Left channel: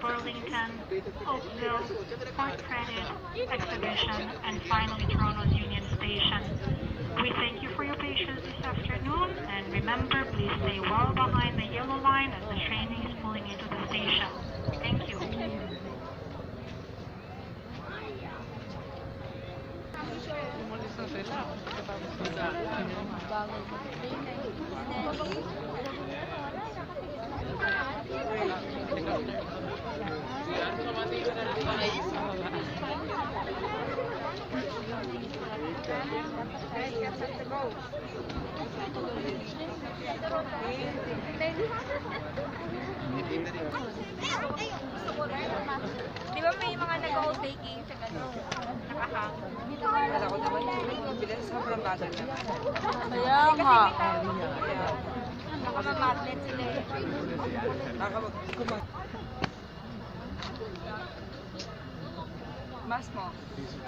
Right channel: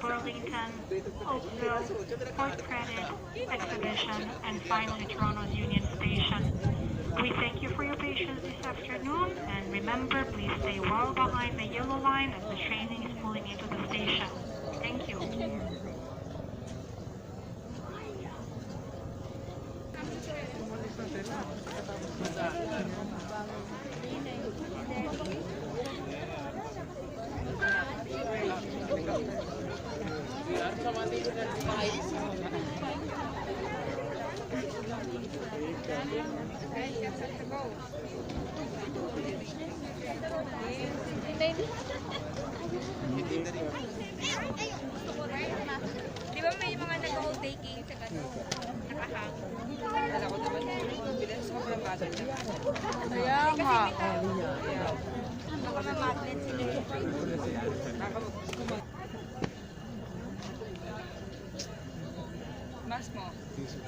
Burlington, Oakville, Fort Credit, Exhibition, and finally Toronto's Union Station. We thank you for your patience this afternoon, and remember, please stay well behind the yellow line as the train is pulling into the station. Thank you. Umalis na sila. Di ba may mga nag-hold taking sa gano'n? Nakahang. Kala ko naman yung bilis, sobrang bagal naman. Kaya Kasi nga. may tawag. Baka ma-magnet sila eh. Baka mas mo. Excuse me.